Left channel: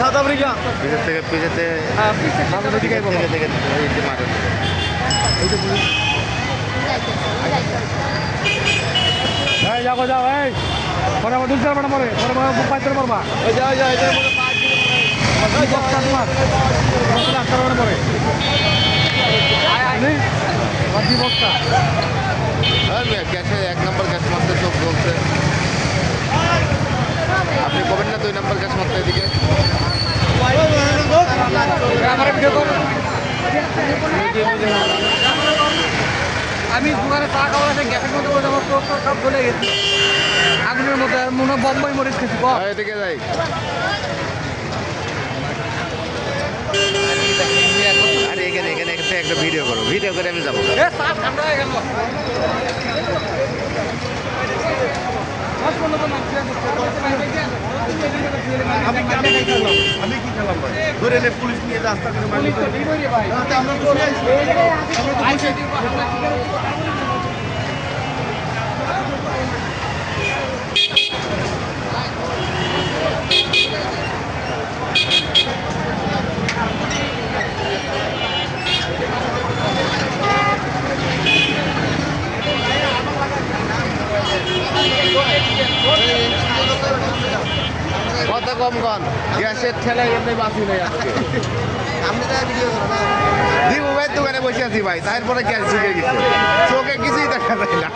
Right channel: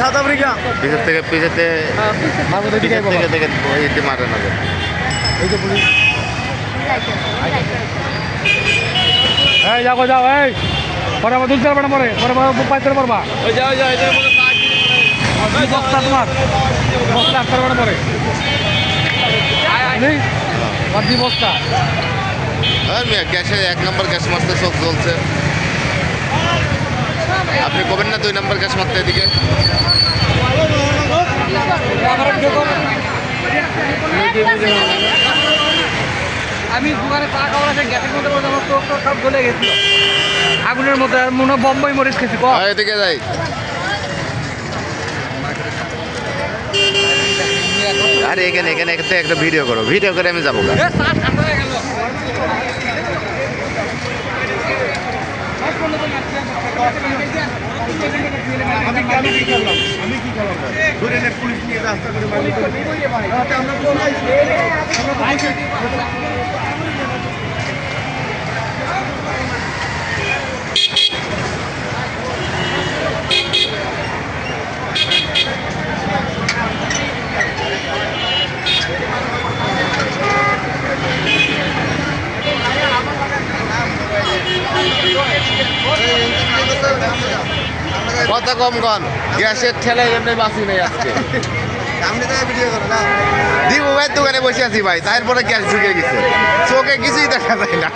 south Africa পিছের থেকে পিছেতে থেকে মারে না যাও যাও এই পরে আমার দুধ পারবা না পরে পরে দুধ পাইতে পারবা যাও যাও গ্যাসে 1 নম্বর গ্যাস মারতে চোখ জ্বলছে আপনি কবেন না 2 নম্বর গ্যাস মারতে এদিকে আমি দোকানে চা খাওয়ার আগে গ্যাসের মধ্যে সব গলে গেছি আগুনের মধ্যে আর মনে বম্বাই মরিচ খেয়েছি এদিকে যাই আরে এখানে এখানে একটা ভিডিও করো ভিডিও করে আমি যাবো আমি কি খেলাম ধরে পুলিশ নিয়ে রাস্তা করে কত কম কন গ্যাসের ঠেলায় এমনি বাঁচি নেই আজকে দিবু ভাই দোকানে বসে আছি ভাই তারপরে গ্যাস ঢুকে গেছে চোখে কিছুই দেখা যায় না